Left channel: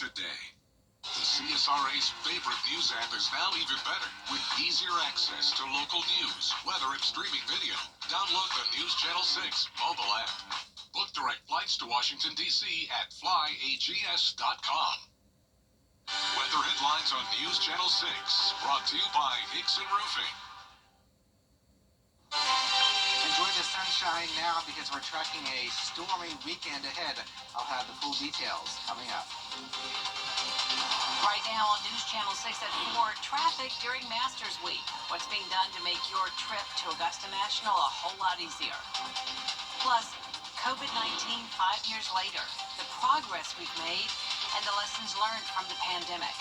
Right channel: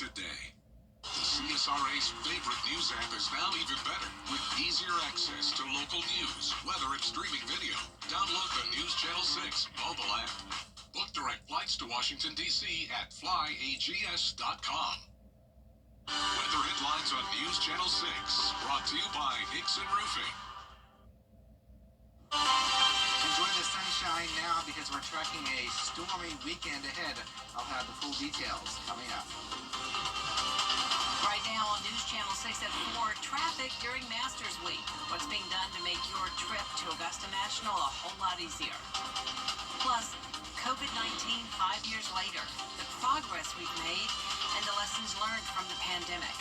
today. The CSRA's favorite news app is now even better with easier access to local news, weather, and streaming video. Download the News Channel 6 mobile app. Book direct flights to Washington, D.C. at flyags.com. Weather headlines on News Channel 6, brought to you by Hickson Roofing. Enjoy the sunshine now because we're tracking a stormy weekend ahead. I'll have the full details coming up. Right now on News Channel 6 at 4, traffic during Masters Week. What's being done to make your trip to Augusta National a whole lot easier. Plus, COVID-19 5 years later, the progress we've made and the lessons learned from the pandemic.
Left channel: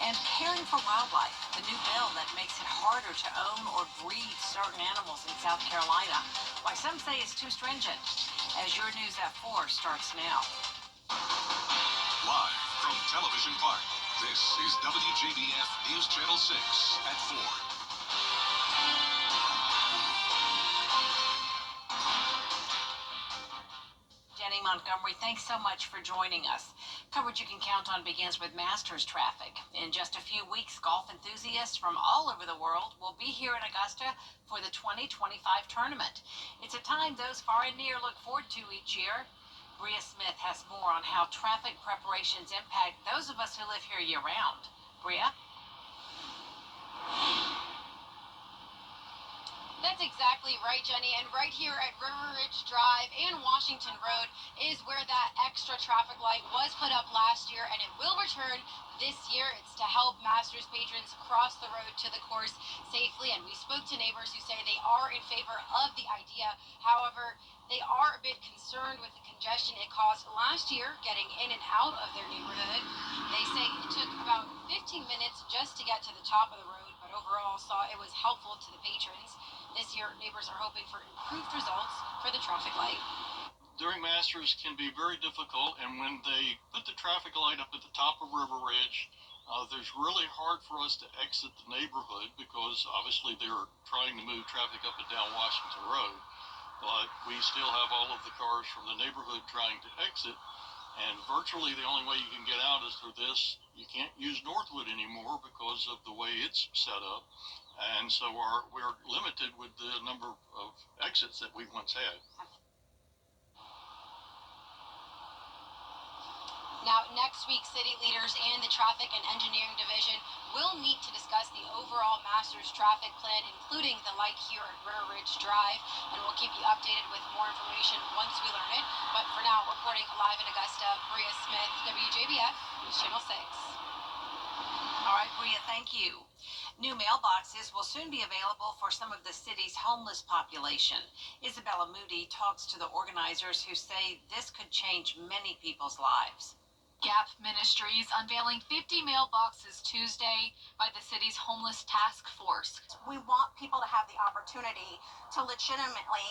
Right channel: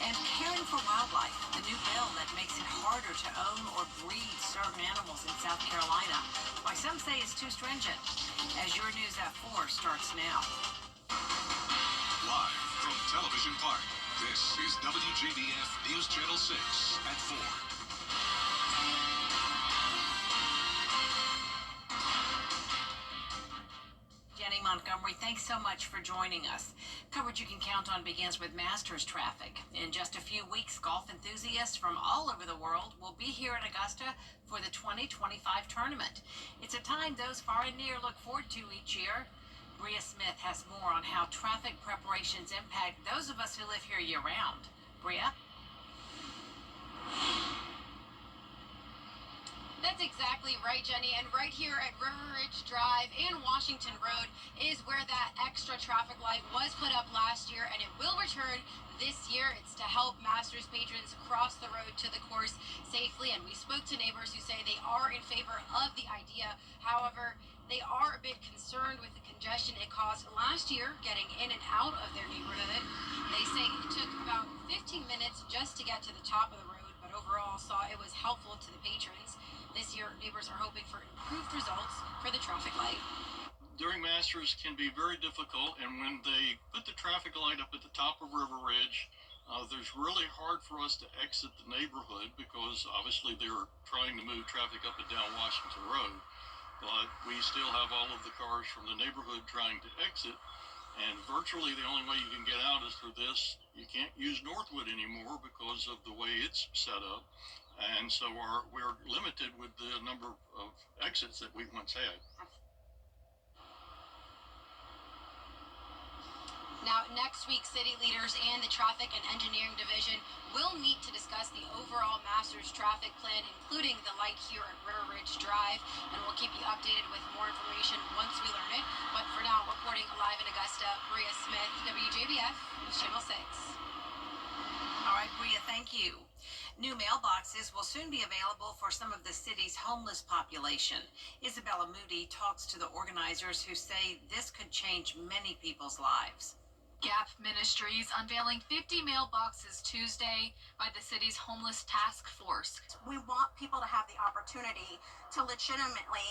And caring for wildlife, the new bill that makes it harder to own or breed certain animals in South Carolina. Why some say it's too stringent. As your News at 4 starts now. Live from Television Park, this is WJBF News Channel 6 at 4. Jenny Montgomery, thanks so much for joining us. Coverage you can count on begins with Masters traffic. In just a few weeks, golf enthusiasts from all over the world will be here in Augusta for the 2025 tournament. It's a time those far and near look forward to each year. Bria Smith has more on how traffic preparations impact those of us who live here year-round. Bria? That's exactly right, Jenny. And right here at River Ridge Drive and Washington Road is where that extra traffic light was put up last year, and it will return this year. It's to help Masters patrons cross the road to the course safely. And we spoke to neighbors who say they are in favor of the idea. However, they are a bit concerned with the congestion it caused last year getting in and out of their neighborhood. They say it took about 15 minutes just to get to the top of the road, but overall saw it was helpful to the patrons. This year, neighbors are hoping for improved results for the traffic light. During Masters can be very difficult, and when they put the traffic light up at the top of River Ridge, there's really hard for us to exit the neighborhood because obviously they're trying to move traffic up and down Washington Road. But we still have all of the cars from the neighborhood trying to exit, and virtually the only way you can get out is through this. You can't use Northwood anymore because of the way it's set up, and so we're limited with the number of exits that we once had. Now, next week, city leaders and the Traffic and Engineering Division will meet to discuss the overall Masters traffic plan, including the light here at River Ridge Drive, and we'll keep you updated with more information once we learn it. But for now, reporting live in Augusta, Bria Smith, WJBF, News Channel 6. All right, Bria, thank you. New mailboxes will soon be available for some of the city's homeless population. Isabella Moody talks to the organizers who say this could change many people's lives. Gap Ministries unveiling 50 mailboxes Tuesday by the city's homeless task force. We want people to have the opportunity to legitimately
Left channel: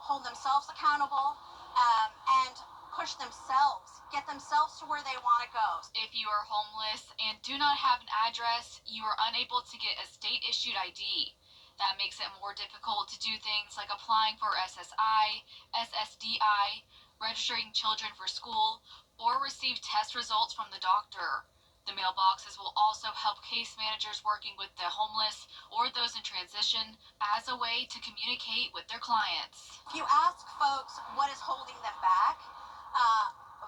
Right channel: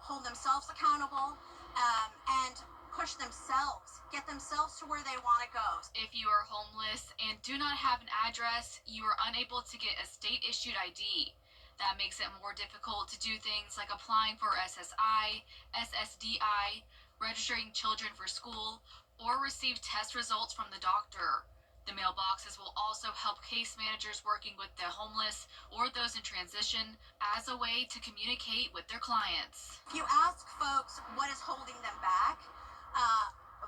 hold themselves accountable and push themselves, get themselves to where they want to go. If you are homeless and do not have an address, you are unable to get a state-issued ID. That makes it more difficult to do things like applying for SSI, SSDI, registering children for school, or receive test results from the doctor. The mailboxes will also help case managers working with the homeless or those in transition as a way to communicate with their clients. If you ask folks what is holding them back,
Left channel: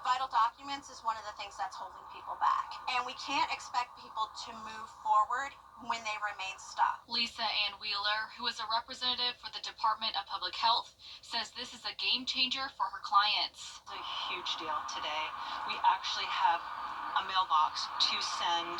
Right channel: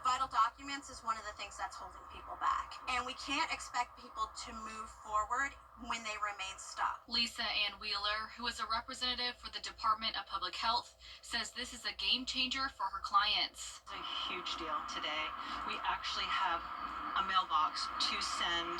vital documents is one of the things that's holding people back. And we can't expect people to move forward when they remain stuck. Lisa Ann Wheeler, who is a representative for the Department of Public Health, says this is a game changer for her clients. It's a huge deal today. We actually have a mailbox to send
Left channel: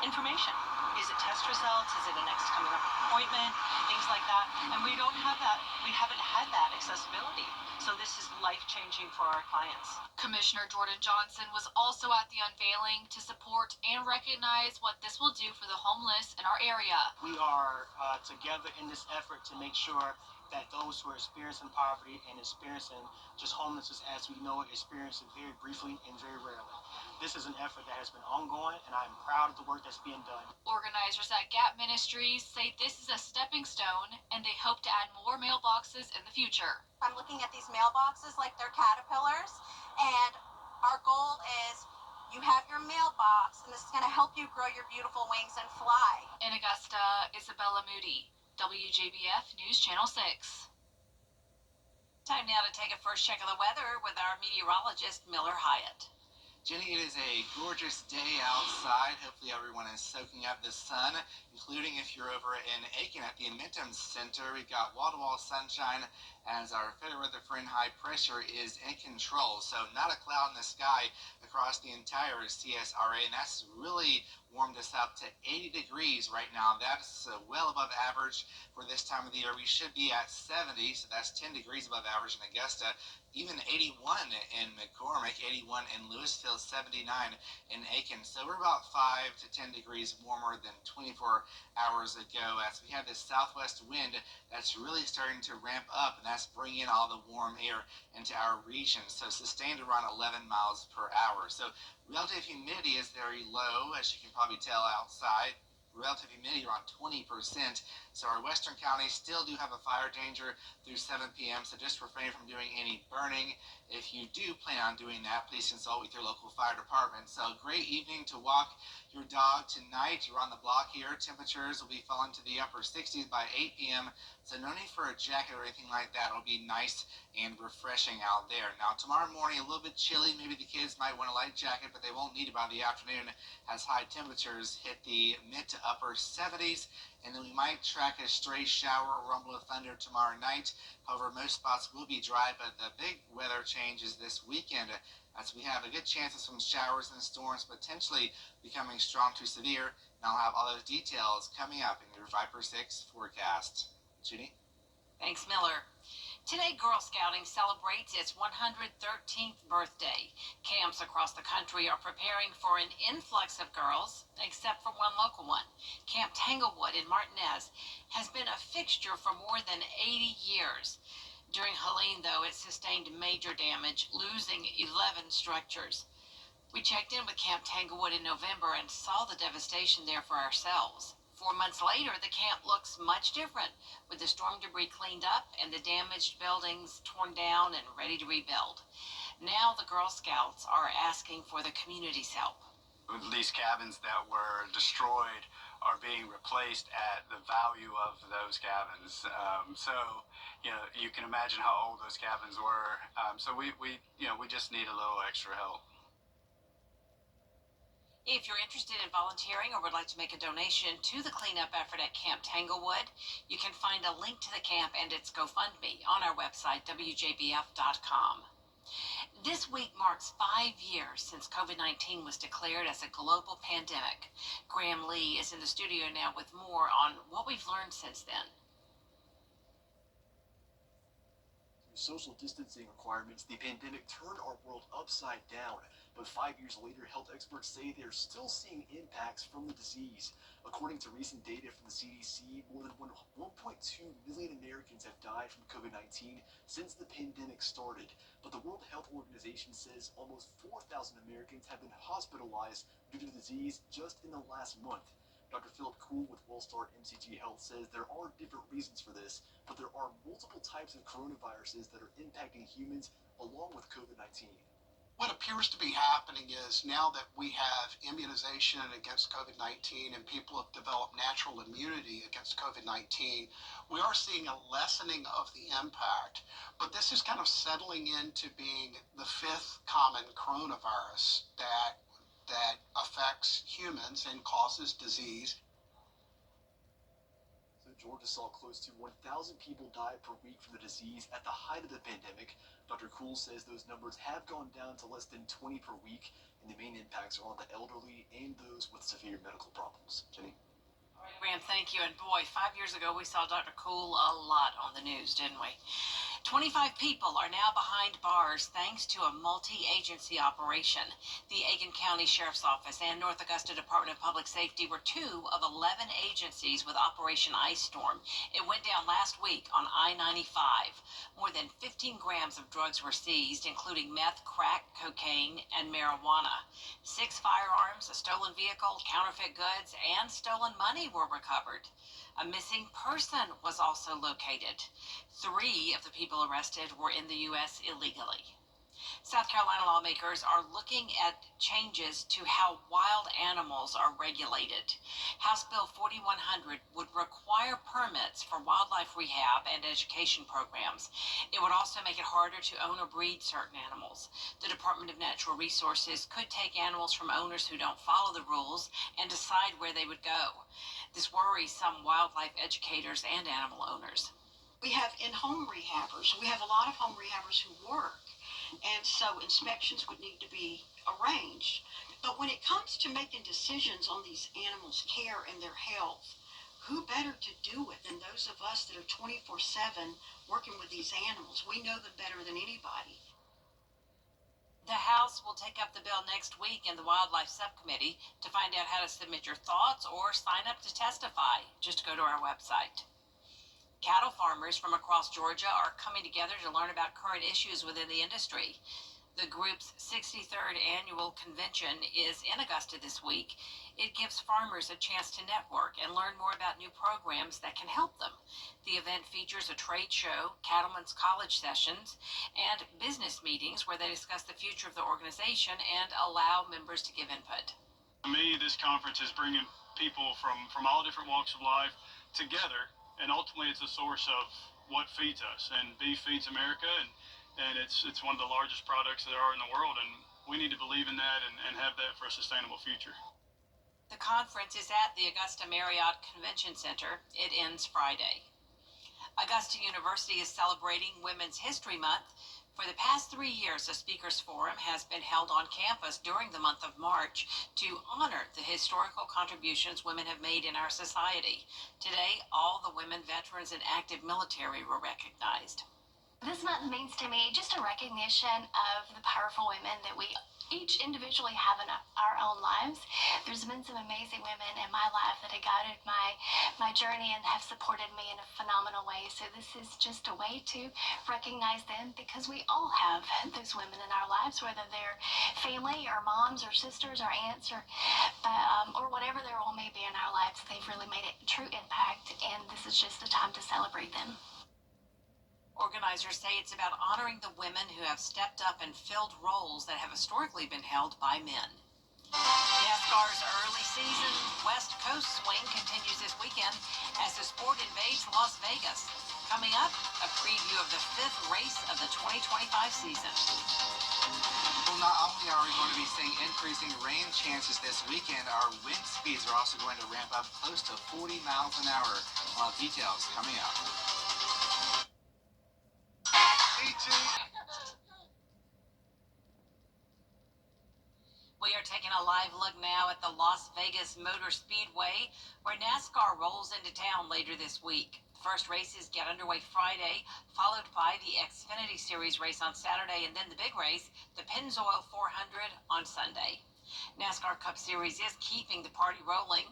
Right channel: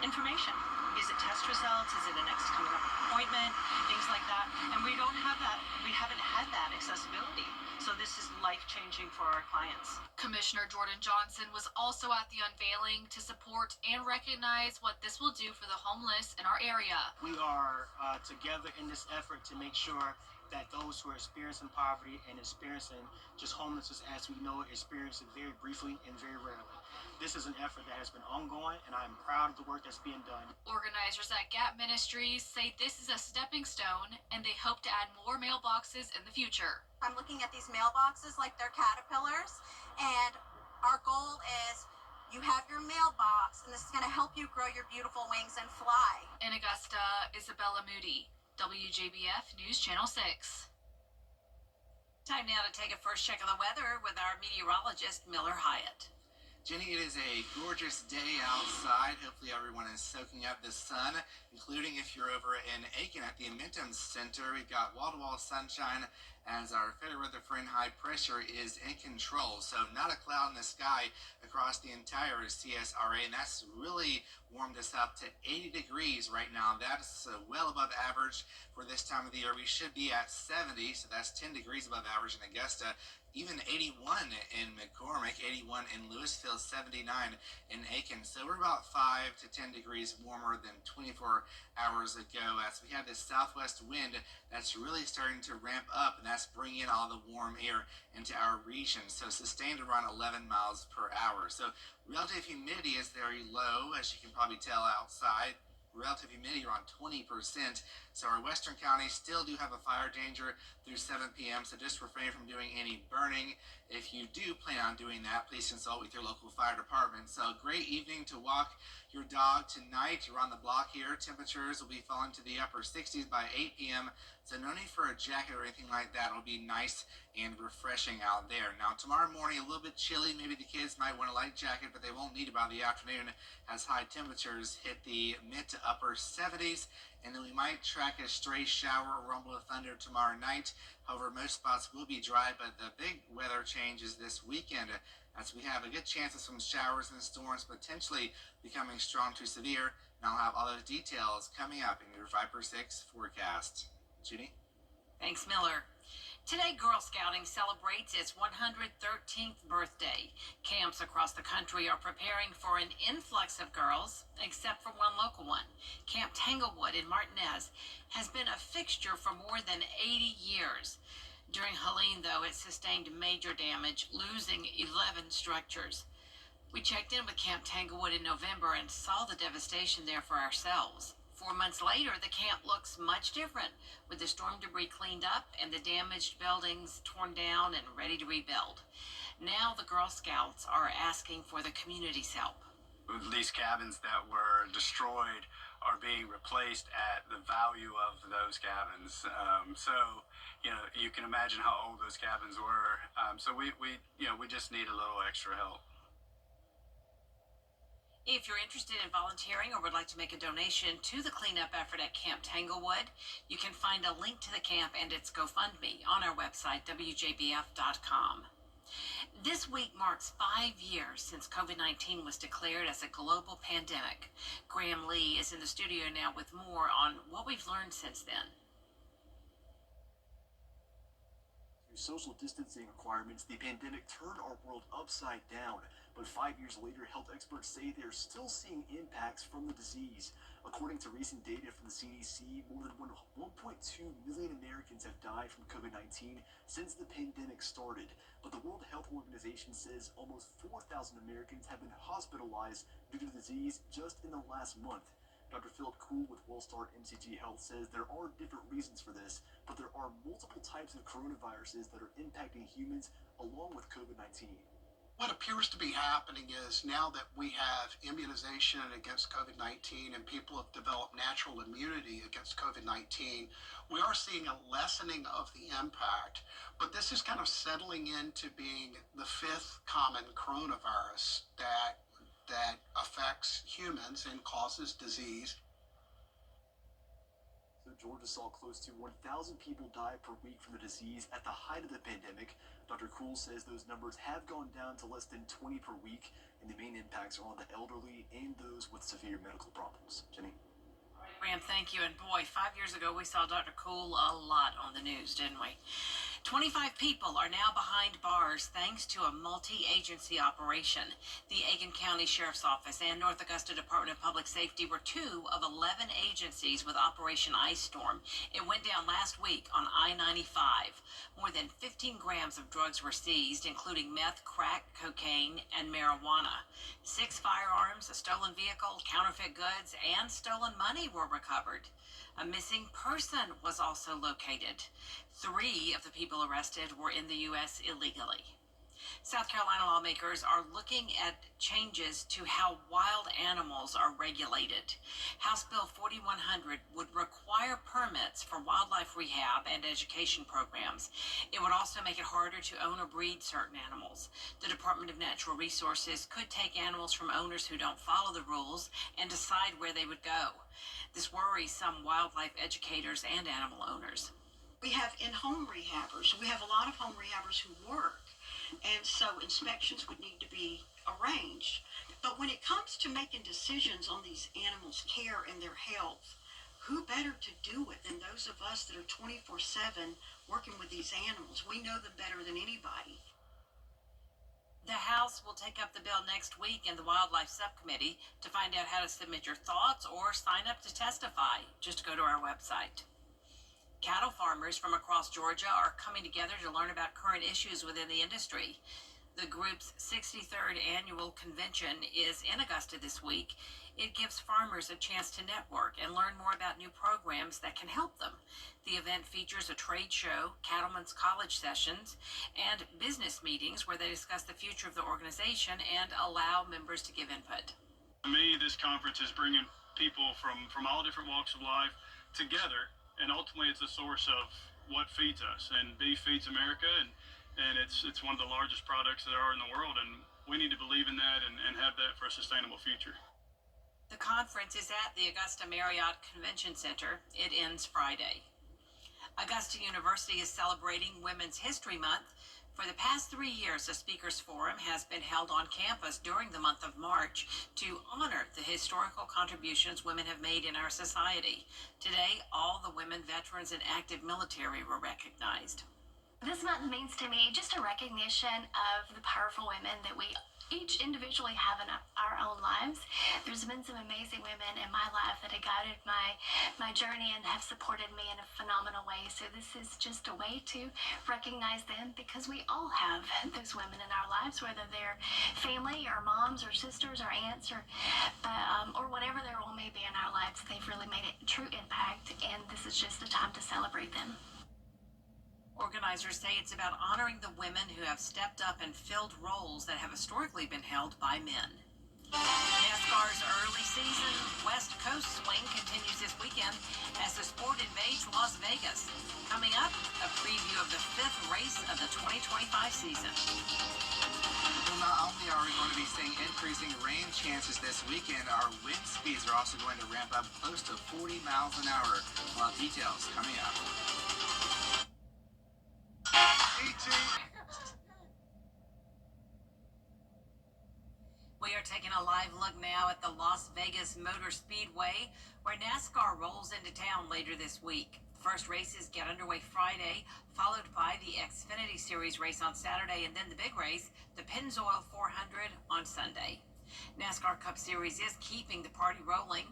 information. Is it test results? Is it a next coming up appointment? Things like that. And we don't have that. We haven't had that accessibility. So this is life-changing for our clients. Commissioner Jordan Johnson was also at the unveiling to support and recognize what this will do for the homeless in our area. We are together in this effort to make sure that those who are experiencing poverty and experiencing just homelessness as we know it, experience it very briefly and very rarely. This is an effort that has been ongoing, and I'm proud of the work that's being done. Organizers at Gap Ministries say this is a stepping stone, and they hope to add more mailboxes in the future. I'm looking at these mailboxes like they're caterpillars, and our goal is You have your mailbox, and this is going to help you grow your beautiful wings and fly. In Augusta, Isabella Moody, WJBF News Channel 6. Time now to take a first check of the weather with our meteorologist, Miller Hyatt. Jenny, it is a gorgeous day outside. Hopefully everyone is soaking up the sun, including if you're over in Aiken at the Amentum Center. We've got wall-to-wall sunshine as our fair weather front high pressure is in control. So not a cloud in the sky across the entire CSRA, and that's really warmed us up to 80 degrees right now. That's well above average for this time of the year. We should be at 70, so that's 10 degrees above average in Augusta. Even 81 in McCormick, 81 in Louisville, 79 in Aiken. So we're about 5 to 10 degrees warmer than 24 hours ago as we have this southwest wind that's really starting to ramp up, and that's bringing all the warm air into our region. So sustained around 11 miles per hour. So relative humidity is very low, as you can probably tell outside. Relative humidity around 20%. So our western counties still do have a fire danger through 7 p.m. So just refrain from doing any burning. If you do plan on doing that, please consult with your local fire department. So great evening to walk your dog tonight. You're on the block here. Temperatures will be falling to the upper 60s by 8 p.m. So no need for a jacket or anything like that. It'll be nice and refreshing out there. Now tomorrow morning, a little bit chilly. Maybe the kids might want a light jacket, but they won't need it by the afternoon as high temperatures hit the mid to upper 70s. And then we might track a stray shower or rumble of thunder tomorrow night. However, most spots will be dry, but the big weather change is this weekend as we have a good chance of some showers and storms potentially becoming strong to severe. And I'll have all those details coming up in your 5x6 forecast. Judy? Thanks, Miller. Today, Girl Scouting celebrates its 113th birthday. Camps across the country are preparing for an influx of girls, except for one local one. Camp Tanglewood in Martinez has been a fixture for more than 80 years. During Helene, though, it sustained major damage, losing 11 structures. We checked in with Camp Tanglewood in November and saw the devastation there for ourselves. 4 months later, the camp looks much different, with the storm debris cleaned up and the damaged buildings torn down and ready to rebuild. Now the Girl Scouts are asking for the community's help. These cabins that were destroyed are being replaced at the value of those cabins. You can imagine how old those cabins were. So we just need a little extra help. If you're interested in volunteering or would like to make a donation to the cleanup effort at Camp Tanglewood, you can find a link to the camp and its GoFundMe on our website, WJBF.com. This week marks 5 years since COVID-19 was declared as a global pandemic. Graham Lee is in the studio now with more on what we've learned since then. Social distancing requirements, the pandemic turned our world upside down. But 5 years later, health experts say they're still seeing impacts from the disease. According to recent data from the CDC, more than 1.2 million Americans have died from COVID-19 since the pandemic started. But the World Health Organization says almost 4,000 Americans have been hospitalized due to the disease just in the last month. Dr. Philip Kuhl with WellStar MCG Health says there are different reasons for this, but there are multiple types of coronaviruses that are impacting humans along with COVID-19. What appears to be happening is now that we have immunization against COVID-19 and people have developed natural immunity against COVID-19, we are seeing a lessening of the impact. But this is kind of settling into being the fifth common coronavirus that affects humans and causes disease. Georgia saw close to 1,000 people die per week from the disease at the height of the pandemic. Dr. Kuhl says those numbers have gone down to less than 20 per week, and the main impacts are on the elderly and those with severe medical problems. Jenny? All right, Graham, thank you. And boy, 5 years ago, we saw Dr. Kuhl a lot on the news, didn't we? 25 people are now behind bars thanks to a multi-agency operation. The Aiken County Sheriff's Office and North Augusta Department of Public Safety were 2 of 11 agencies with Operation Ice Storm. It went down last week on I-95. More than 15 grams of drugs were seized, including meth, crack, cocaine, and marijuana. 6 firearms, a stolen vehicle, counterfeit goods, and stolen money were recovered. A missing person was also located. 3 of the people arrested were in the U.S. illegally. South Carolina lawmakers are looking at changes to how wild animals are regulated. House Bill 4100 would require permits for wildlife rehab and education programs. It would also make it harder to own or breed certain animals. The Department of Natural Resources could take animals from owners who don't follow the rules and decide where they would go. This worries some wildlife educators and animal owners. We have in-home rehabbers. We have a lot of home rehabbers who work, and so inspections would need to be arranged. But when it comes to making decisions on these animals' care and their health, who better to do it than those of us that are 24/7 working with these animals? We know them better than anybody. The House will take up the bill next week in the Wildlife Subcommittee. To find out how to submit your thoughts or sign up to testify, just go to our website. Cattle farmers from across Georgia are coming together to learn about current issues within the industry. The group's 63rd annual convention is in Augusta this week. It gives farmers a chance to network and learn more about new programs that can help them. The event features a trade show, cattlemen's college sessions, and business meetings where they discuss the future of the organization and allow members to give input. To me, this conference is bringing people from all different walks of life together, and ultimately it's a source of what feeds us. And beef feeds America, and it's one of the largest products that there are in the world, and we need to believe in that and have that for a sustainable future. The conference is at the Augusta Marriott Convention Center. It ends Friday. Augusta University is celebrating Women's History Month. For the past 3 years, a speakers forum has been held on campus during the month of March to honor the historical contributions women have made in our society. Today, all the women, veterans, and active military were recognized. This month means to me just a recognition of the powerful women that we each individually have in our own lives. There's been some amazing women in my life that have guided my journey and have supported me in a phenomenal way. So this is just a way to recognize them, because we all have those women in our lives, whether they're family or moms or sisters or aunts or whatever their role may be in our lives. They've really made a true impact, and this is just a time to celebrate them. Organizers say it's about honoring the women who have stepped up and filled roles that have historically been held by men. NASCAR's early season West Coast swing continues this weekend as the sport invades Las Vegas. Coming up, a preview of the 5th race of the 2025 season. Well, not only are we going to be seeing increasing rain chances this weekend, our wind speeds are also going to ramp up close to 40 miles an hour. We'll have details coming up. We are taking a live look now at the Las Vegas Motor Speedway, where NASCAR rolls into town later this week. The first races get underway Friday, followed by the Xfinity Series race on Saturday, and then the big race, the Pennzoil 400, on Sunday. NASCAR Cup Series is keeping the party rolling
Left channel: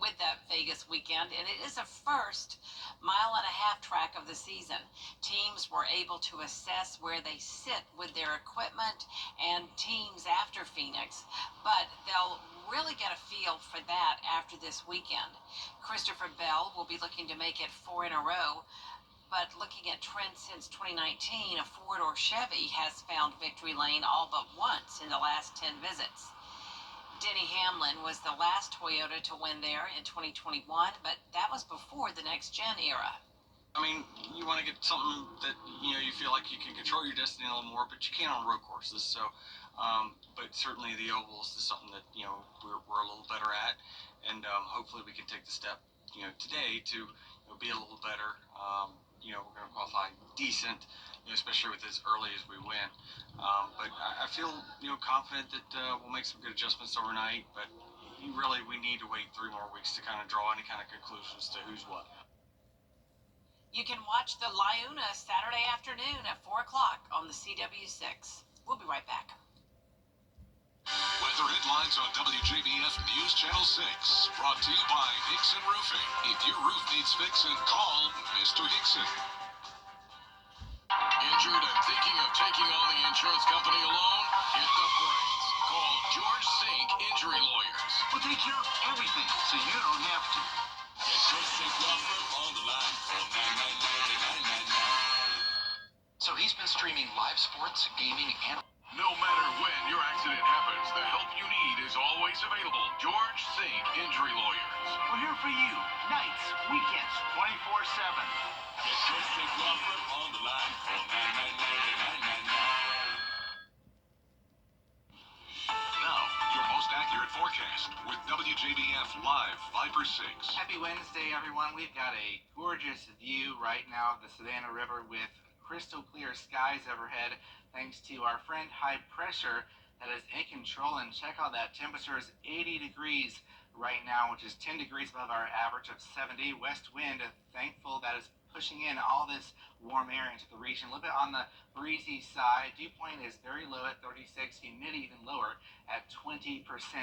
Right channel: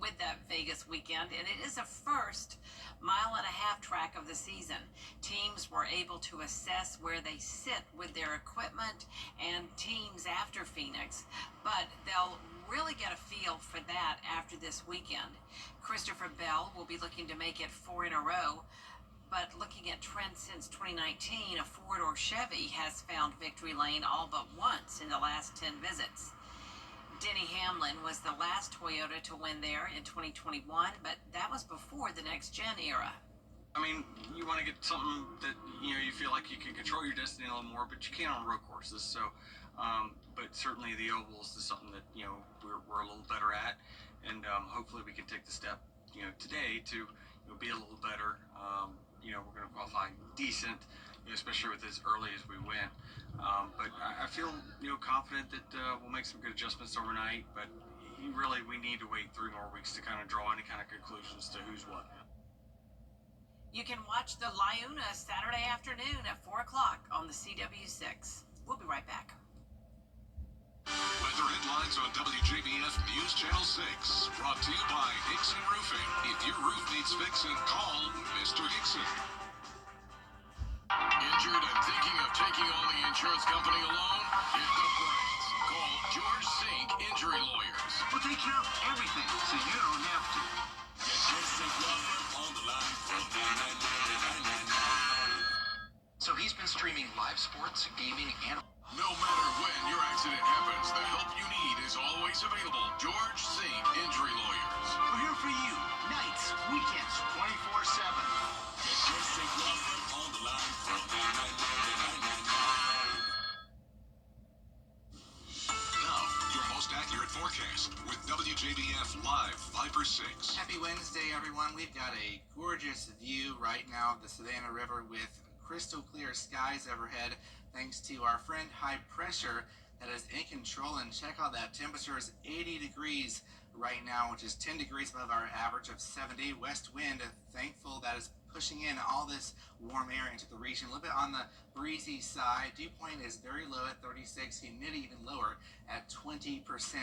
with that Vegas weekend, and it is a first mile-and-a-half track of the season. Teams were able to assess where they sit with their equipment, and teams after Phoenix, but they'll really get a feel for that after this weekend. Christopher Bell will be looking to make it 4 in a row, but looking at trends since 2019, a Ford or Chevy has found victory lane all but once in the last 10 visits. Denny Hamlin was the last Toyota to win there in 2021, but that was before the next-gen era. I mean, you want to get something that, you feel like you can control your destiny a little more, but you can't on road courses. So, but certainly the ovals is something that, we're a little better at. And hopefully we can take the step, today to be a little better. We're going to qualify decent, especially with as early as we went. But I feel, confident that we'll make some good adjustments overnight. But we need to wait 3 more weeks to kind of draw any kind of conclusions to who's what. You can watch the Liuna Saturday afternoon at 4 o'clock on the CW6. We'll be right back. Weather headlines on WJBF News Channel 6. Brought to you by Hickson Roofing. If your roof needs fixing, call Mr. Hickson. Injured and thinking of taking on the insurance company alone? Hit the brakes. Call George Sink Injury Lawyers. We'll take care of everything, so you don't have to. Get George Sink Law Firm on the line for $999. So he's been streaming live sports, gaming, and... No matter when your accident happens, the help you need is always available. George Singh Injury Lawyers. We're here for you, nights, weekends, 24/7. Get George Singh law firm on the line. Call 999-9999. Now, your most accurate forecast with WJBF Live 5/6. Happy Wednesday, everyone. We've got a gorgeous view right now of the Savannah River with crystal clear skies overhead, thanks to our friend high pressure that is in control. And check out that temperature is 80 degrees right now, which is 10 degrees above our average of 70. West wind, thankful that is pushing in all this warm air into the region. A little bit on the breezy side. Dew point is very low at 36, humidity even lower at 20%,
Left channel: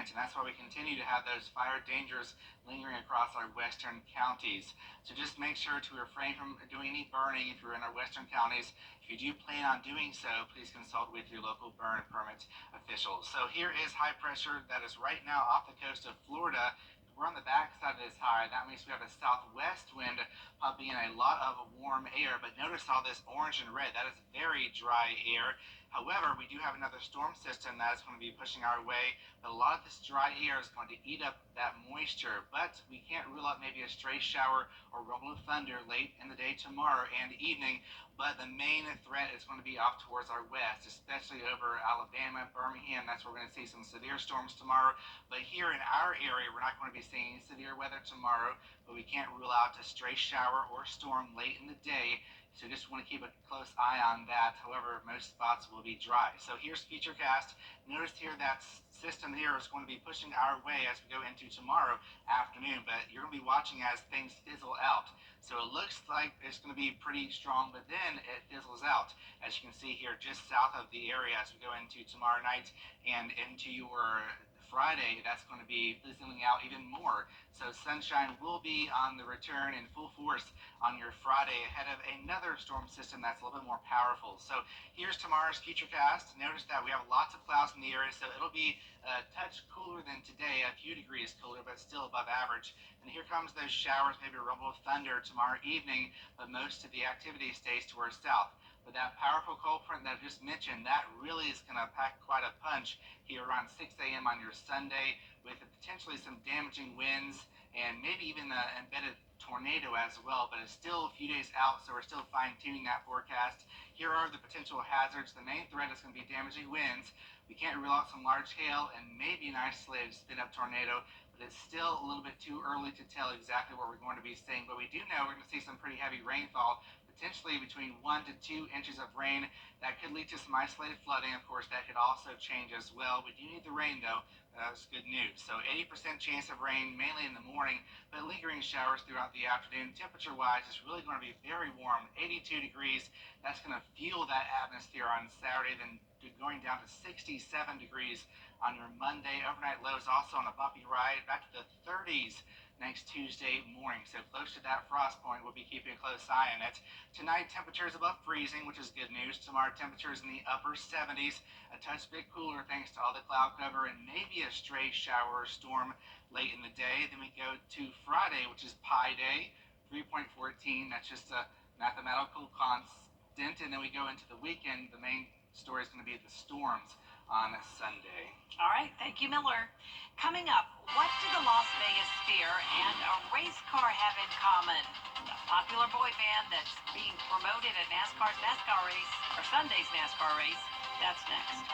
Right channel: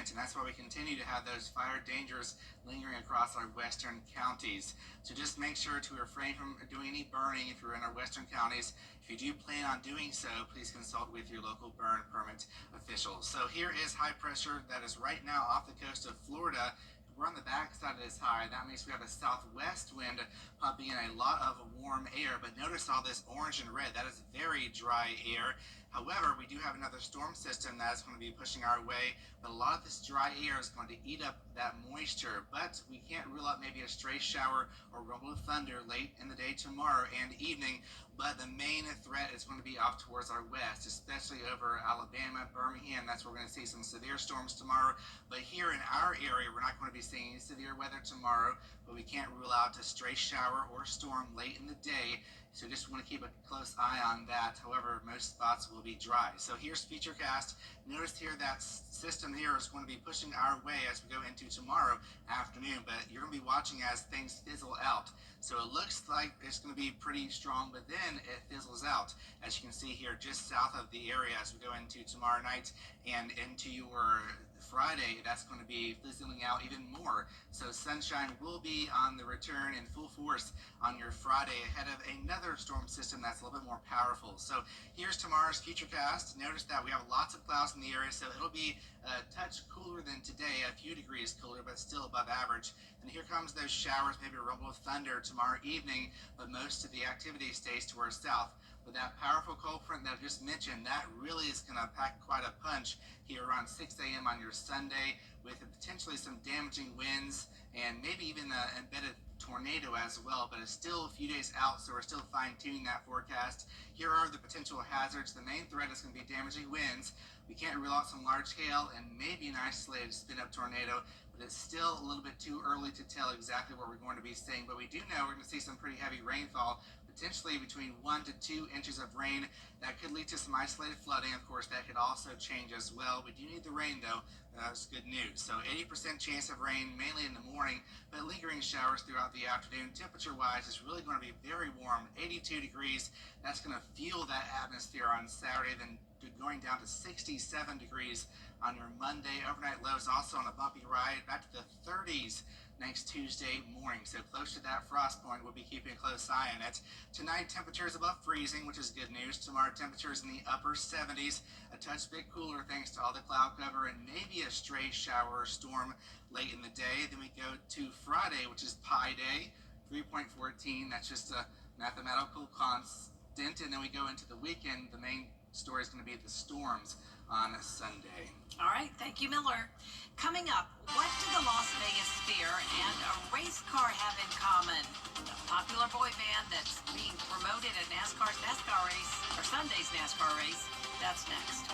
and that's why we continue to have those fire dangers lingering across our western counties. So just make sure to refrain from doing any burning if you're in our western counties. If you do plan on doing so, please consult with your local burn permit officials. So here is high pressure that is right now off the coast of Florida. We're on the back side of this high. That means we have a southwest wind pumping in a lot of warm air. But notice all this orange and red. That is very dry air. However, we do have another storm system that is going to be pushing our way. But a lot of this dry air is going to eat up that moisture. But we can't rule out maybe a stray shower or rumble of thunder late in the day tomorrow and evening. But the main threat is going to be off towards our west, especially over Alabama, Birmingham. That's where we're going to see some severe storms tomorrow. But here in our area, we're not going to be seeing severe weather tomorrow, but we can't rule out a stray shower or storm late in the day. So just want to keep a close eye on that. However, most spots will be dry. So here's Futurecast. Notice here that system here is going to be pushing our way as we go into tomorrow afternoon, but you're going to be watching as things fizzle out. So it looks like it's going to be pretty strong, but then it fizzles out, as you can see here just south of the area as we go into tomorrow night and into your Friday. That's going to be fizzling out even more. So sunshine will be on the return in full force on your Friday ahead of another storm system that's a little bit more powerful. So here's tomorrow's Futurecast. Notice that we have lots of clouds in the area, so it'll be a touch cooler than today, a few degrees cooler, but still above average. And here comes those showers, maybe a rumble of thunder tomorrow evening, but most of the activity stays to our south. But that powerful cold front that I just mentioned, that really is going to pack quite a punch here around 6 a.m. on your Sunday, with potentially some damaging winds and maybe even an embedded tornado as well. But it's still a few days out, so we're still fine-tuning that forecast. Here are the potential hazards. The main threat is going to be damaging winds. We can't rule out some large hail and maybe an isolated spin-up tornado, but it's still a little bit too early to tell exactly what we're going to be seeing. But we do know we're going to see some pretty heavy rainfall, potentially between 1 to 2 inches of rain. That could lead to some isolated flooding. Of course, that could also change as well. We do need the rain, though. That's good news. So 80% chance of rain, mainly in the morning, but lingering showers throughout the afternoon. Temperature-wise, it's really going to be very warm, 82 degrees. That's going to fuel that atmosphere on Saturday, then going down to 67 degrees on your Monday. Overnight lows also on a bumpy ride back to the 30s next Tuesday morning. So close to that frost point. We'll be keeping a close eye on it. Tonight, temperatures above freezing, which is good news. Tomorrow, temperatures in the upper 70s. A touch bit cooler thanks to all the cloud cover and maybe a stray shower or storm late in the day. Then we go to Friday, which is Pi Day, 3.14. That's just a mathematical constant. And then we go into the weekend. The main story is going to be the storms on Sunday. All right, thank you, Miller. Coming up, what do the Las Vegas Sphere and a race car have in common? The popular boy band that's being promoted at NASCAR's NASCAR race, or Sunday's NASCAR race. That's next.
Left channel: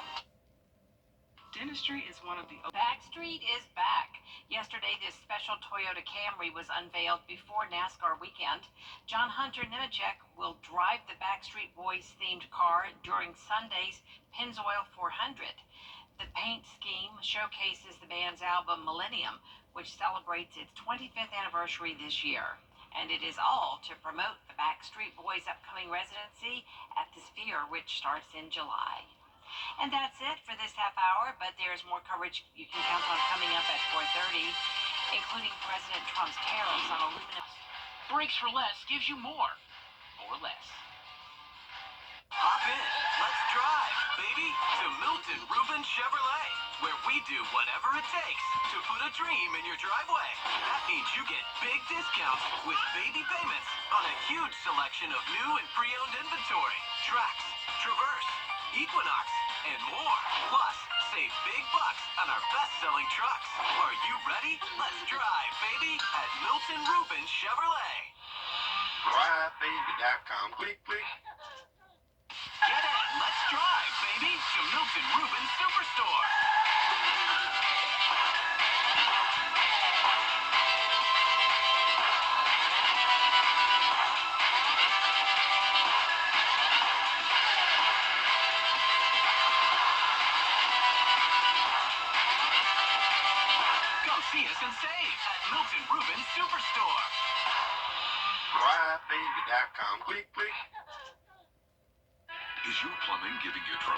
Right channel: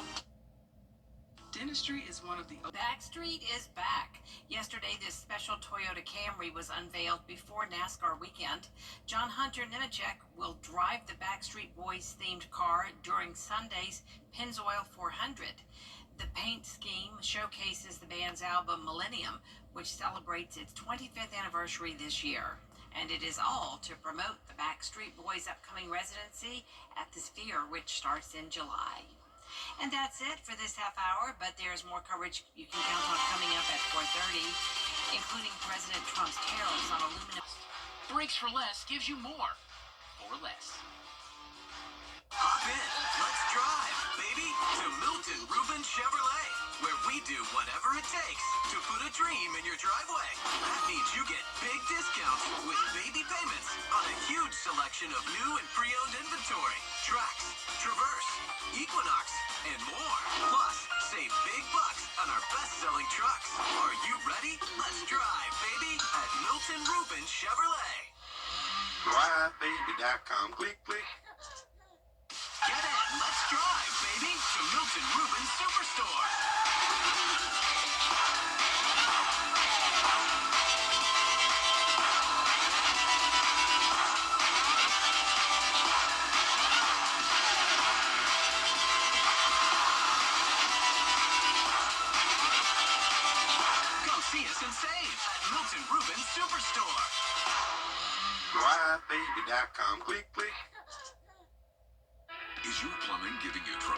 Dentistry is one of the... Backstreet is back. Yesterday, this special Toyota Camry was unveiled before NASCAR weekend. John Hunter Nemechek will drive the Backstreet Boys themed car during Sunday's Pennzoil 400. The paint scheme showcases the band's album Millennium, which celebrates its 25th anniversary this year. And it is all to promote the Backstreet Boys' upcoming residency at the Sphere, which starts in July. And that's it for this half hour, but there's more coverage you can count on coming up at 4:30, including President Trump's tariffs on aluminum. Brakes for Less gives you more for less. Hop in, let's drive, baby, to Milton Rubin Chevrolet. where we do whatever it takes to put a dream in your driveway. That means you get big discounts with baby payments on a huge selection of new and pre-owned inventory, Trax, Traverse, Equinox, and more. Plus, save big bucks on our best-selling trucks. Are you ready? Let's drive, baby, at Milton Rubin Chevrolet. DriveBaby.com. Click, click. Get in, let's drive, baby, to Milton Rubin Superstore. Come see us and save at Milton Rubin Superstore. DriveBaby.com. Click, click. Is your plumbing giving you trouble?